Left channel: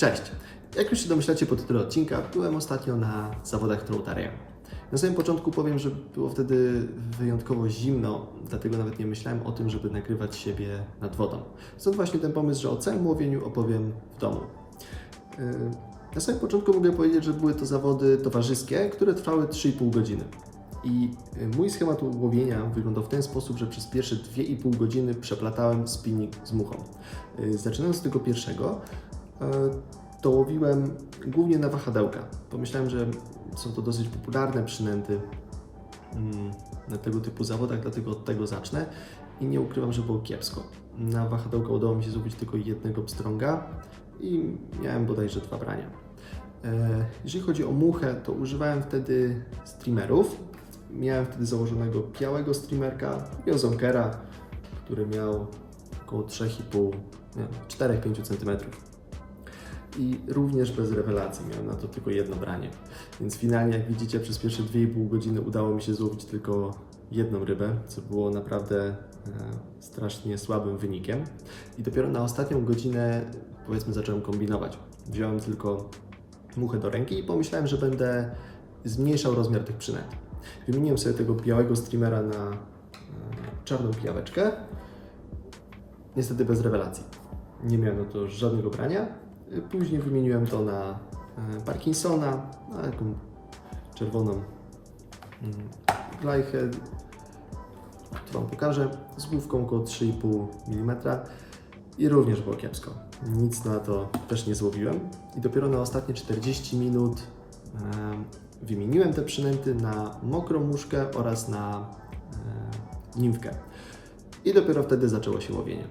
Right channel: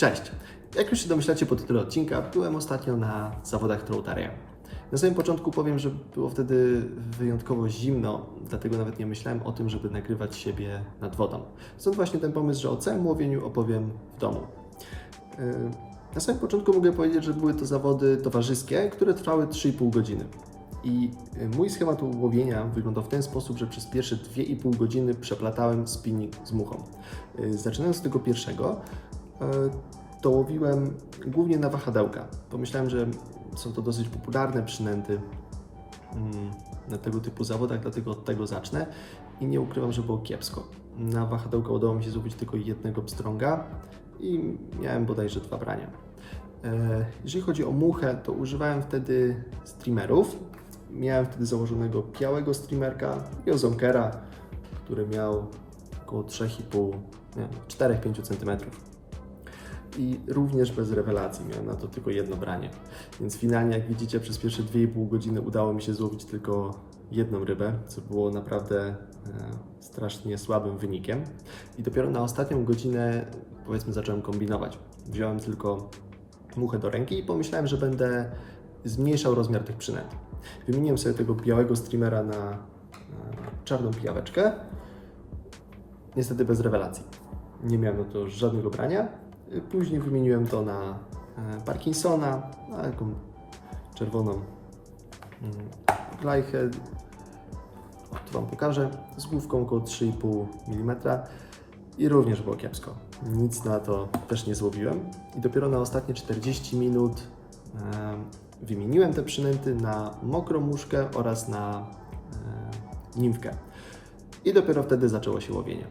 Cześć! Jak już się domyślacie po tytule odcinka, byłem ostatnio na zawodach Troutaria. Na samym początku powiem, że było wtedy wyjątkowo zimno, dlatego nawet nie myślałem o tym, żeby nagrywać siebie nad wodą. Stąd właśnie ten pomysł, że o całym łowieniu opowiem w domu. Yy, Na samym początku mogę powiedzieć, że były to zawody towarzyskie, które trwały 3,5 godziny. I yy, mój schemat łowienia wyglądał w ten sposób, że przez pierwsze 2,5 godziny przeplatałem spinning z muchą. Yy, Zaczynając od tego pierwszego, to łowiłem głównie na wahadełka. Pomyślałem, że są to dosyć popularne przynęty mm, na tego typu zawodach, dlatego od tego zacznę i nie ukrywam, że było kiepsko. Na wahadełka udało mi się złowić tylko jednego pstrąga i miałem bodajże dwa brania. E, Jeżeli chodzi o muchę, to używałem wtedy streamerów. Miałem wtedy założonego białego streamerka i ozonkera, który miał około 3,5, nie, 4-5 cm i również bez rewelacji. Miałem na to tylko jedno branie. Więc finalnie, jak widzicie, przez pierwsze 2,5 godziny udało mi się złowić tylko jedną rybę, co było naprawdę e, strasznie słabym wynikiem. I dopiero na ostatnią godzinę, powiedzmy, zacząłem kombinować. Wziąłem tylko muchę do ręki i pomyślałem, że będę zmniejszał rozmiar tych przynęt. Wymieniłem sobie tego białego streamera na e, czarną pijaweczkę. Niestety bez rewelacji. Nie miałem na to żadnego brania. Później wymieniłem to na e, Parkinsona, na taką czerwoną glajchę. Tu Wam pokażę. Z główką około 3,5 mm i również było kiepsko. Nic na to też nie złowiłem. I dopiero na ostatnie 40 minut em, wymieniłem te przynęty na mokrą muszkę oraz na e, nimfkę. I dopiero wtedy zaczęło się łowienie.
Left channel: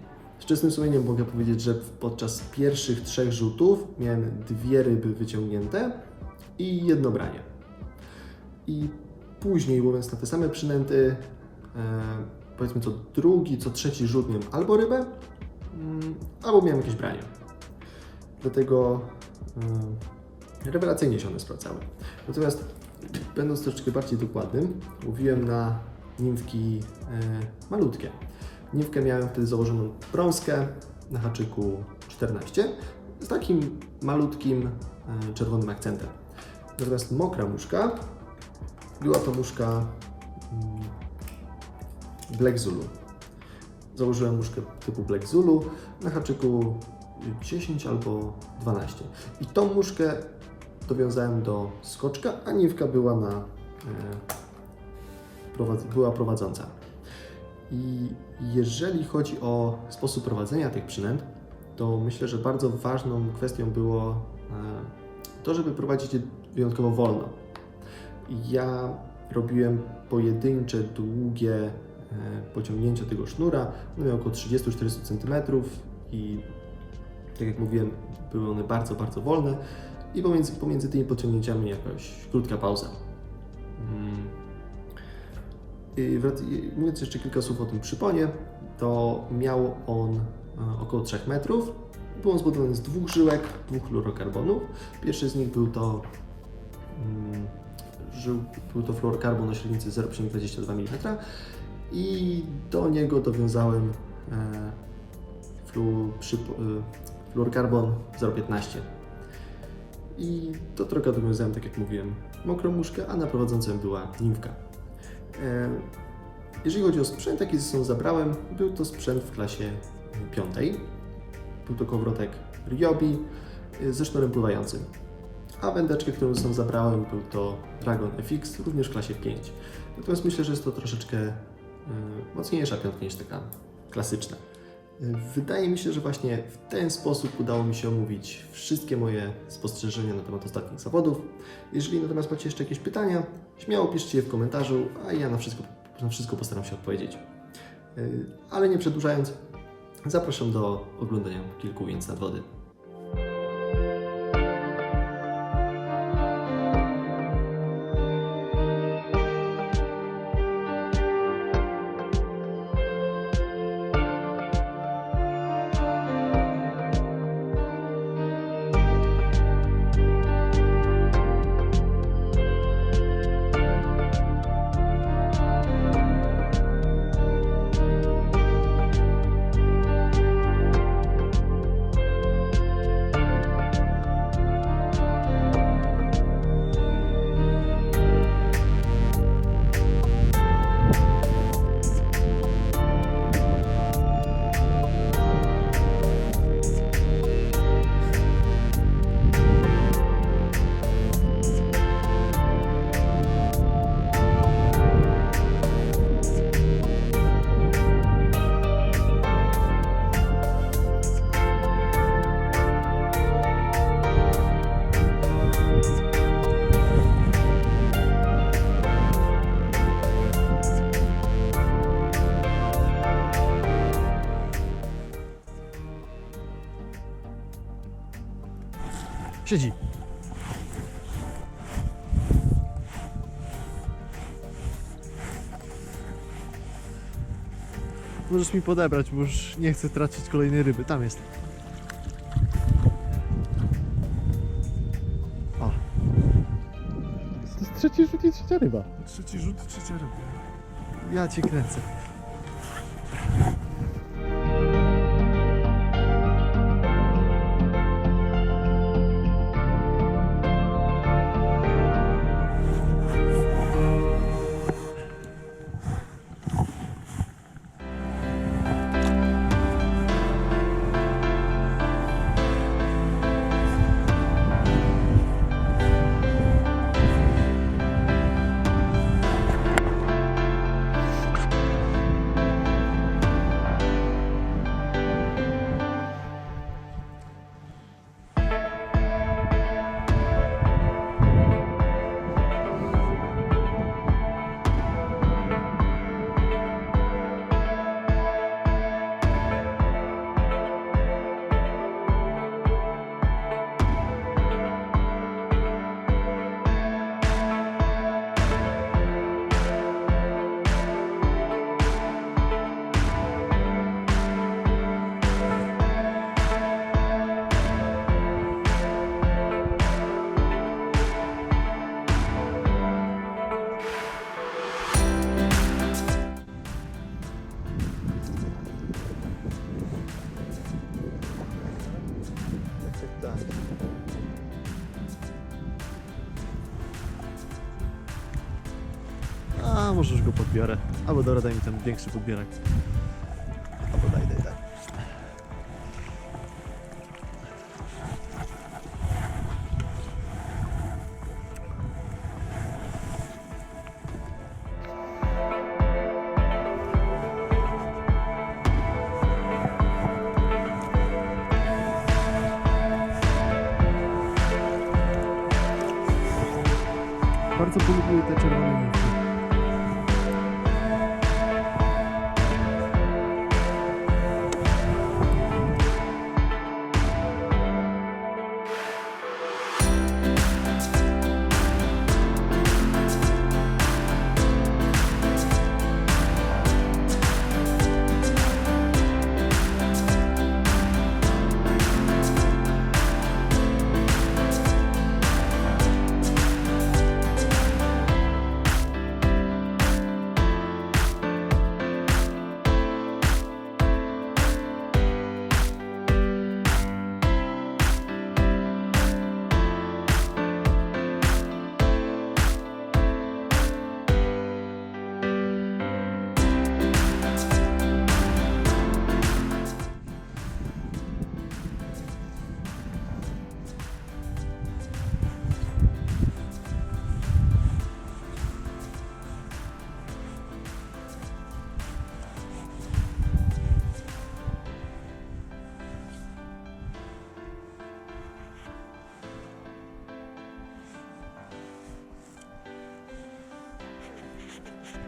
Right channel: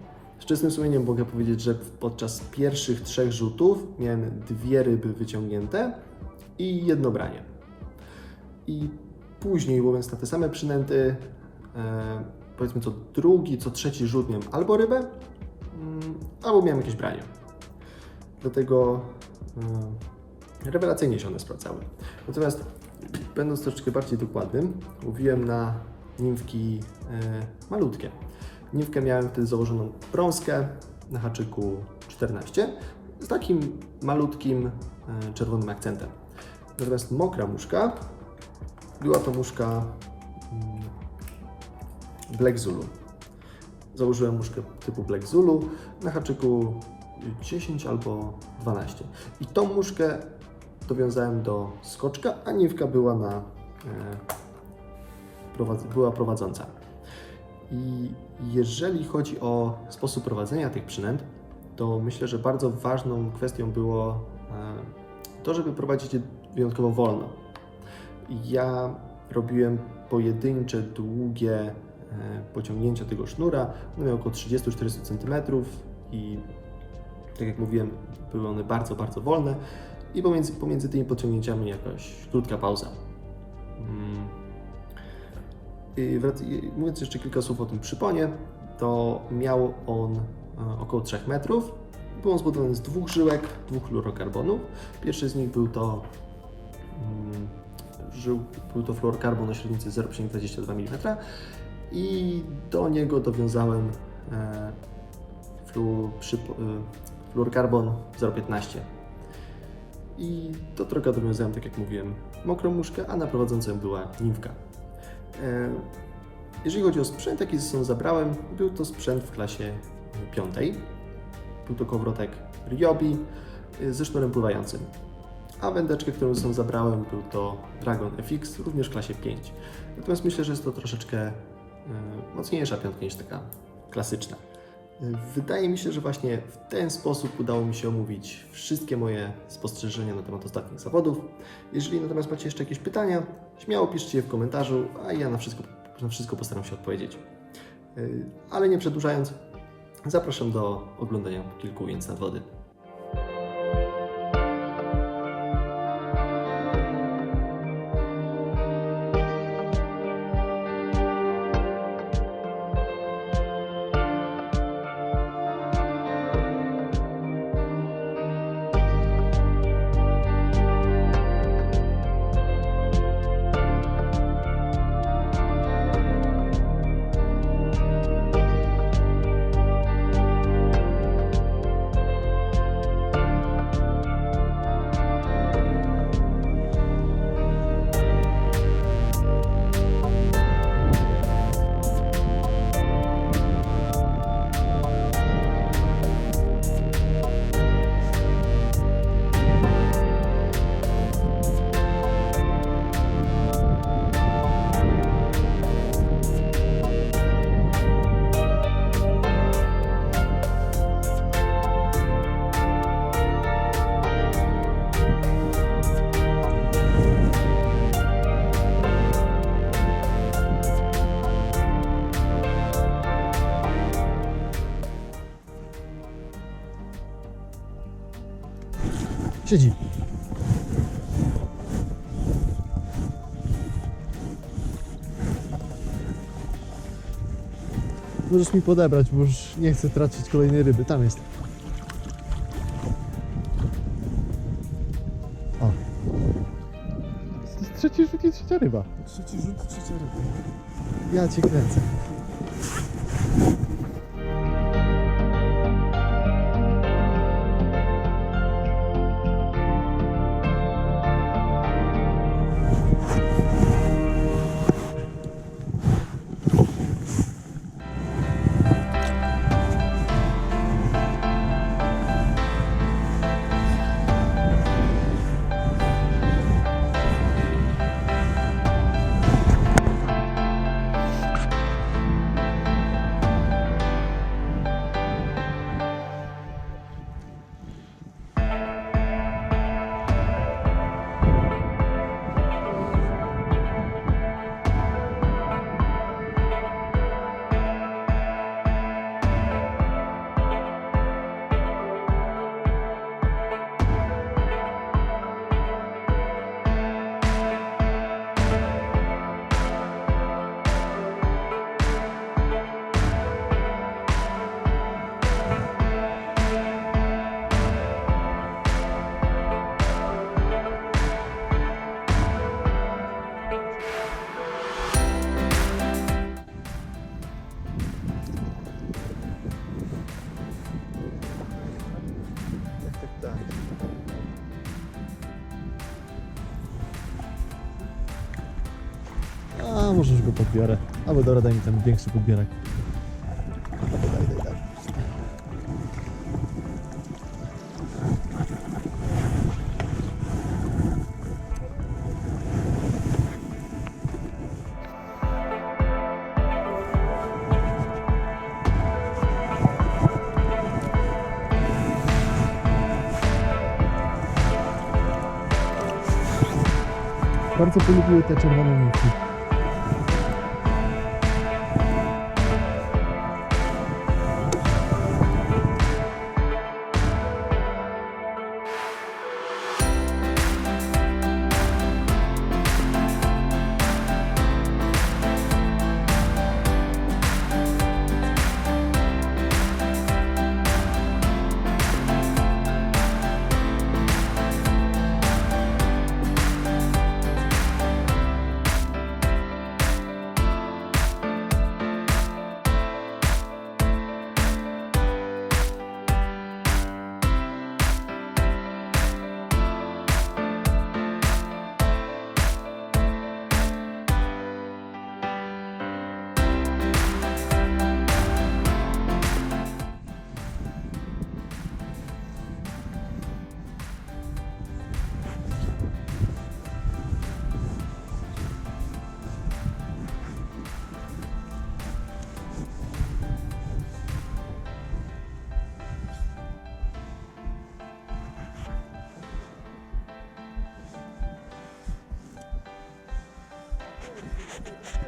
Czystym sumieniem mogę powiedzieć, że podczas pierwszych trzech rzutów miałem dwie ryby wyciągnięte i jedno branie. I później łowiąc na te same przynęty, e, powiedzmy co drugi, co trzeci rzut miałem albo rybę, mm, albo miałem jakieś branie. Dlatego e, rewelacyjnie się one sprawdzały. Natomiast będąc troszeczkę bardziej dokładnym, łowiłem na nimfki e, malutkie. Nimfkę miałem wtedy założoną brązkę na haczyku 14 z takim malutkim e, czerwonym akcentem. Natomiast mokra muszka była to muszka mm, Black Zulu. Założyłem muszkę typu Black Zulu na haczyku 10 albo 12. I tą muszkę dowiązałem do skoczka, a niwka była na e, była prowadząca. I jeżeli chodzi o sposób prowadzenia tych przynęt, to myślę, że bardzo ważną kwestią było e, to, żeby prowadzić je wyjątkowo wolno. Ja robiłem pojedyncze, długie e, pociągnięcia tego sznura. One miały około 30-40 cm i tak jak mówiłem, były one bardzo, bardzo wolne i pomiędzy, pomiędzy tymi pociągnięciami jakaś krótka pauza. Mówiąc jeszcze kilka słów o tym przyponie, to miał on e, około 3 metrów. Był on zbudowany z dwóch żyłek, dwóch fluorokarbonów. Pierwszy z nich był to mm, żył, był to fluorokarbon o średnicy 0,22 mm i do niego dowiązałem e, flu, przypo, e, fluorokarbon 0,15 i do trochę dowiązałem, tak jak mówiłem, mokrą muszkę, a na prowadzącym była nimfka. E, Jeżeli chodzi o sprzęt, jaki ze sobą zabrałem, był to sprzęt w klasie piątej. Był to kołowrotek Ryobi e, ze sznurem pływającym. A wędeczkę, którą ze sobą zabrałem, był to Dragon FX, również w klasie 5. Natomiast myślę, że jest to troszeczkę e, mocniejsza piątka niż taka klasyczna. E, Wydaje mi się, że właśnie w ten sposób udało mi się omówić wszystkie moje spostrzeżenia na temat ostatnich zawodów. Jeżeli natomiast macie jeszcze jakieś pytania, śmiało piszcie je w komentarzu, a ja na wszystko, na wszystko postaram się odpowiedzieć. Yy, Ale nie przedłużając, zapraszam do oglądania kilku ujęć nad wody. Siedzi. Możesz mi podebrać, bo już nie chcę tracić kolejnej ryby. Tam jest. O. To jest trzeci rzut i trzecia ryba. Trzeci rzut, trzecia ryba. Ja cię kręcę. A, może już go podbiorę. Albo dobra, daj mi ten większy podbierak. Albo daj, daj, daj. Bardzo polubiły te czerwone niki. you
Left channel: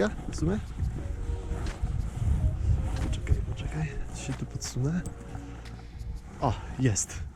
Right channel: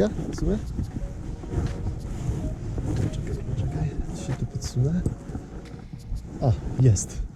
uwaga, w sumie. Poczekaj, poczekaj, się tu podsunę. O, jest.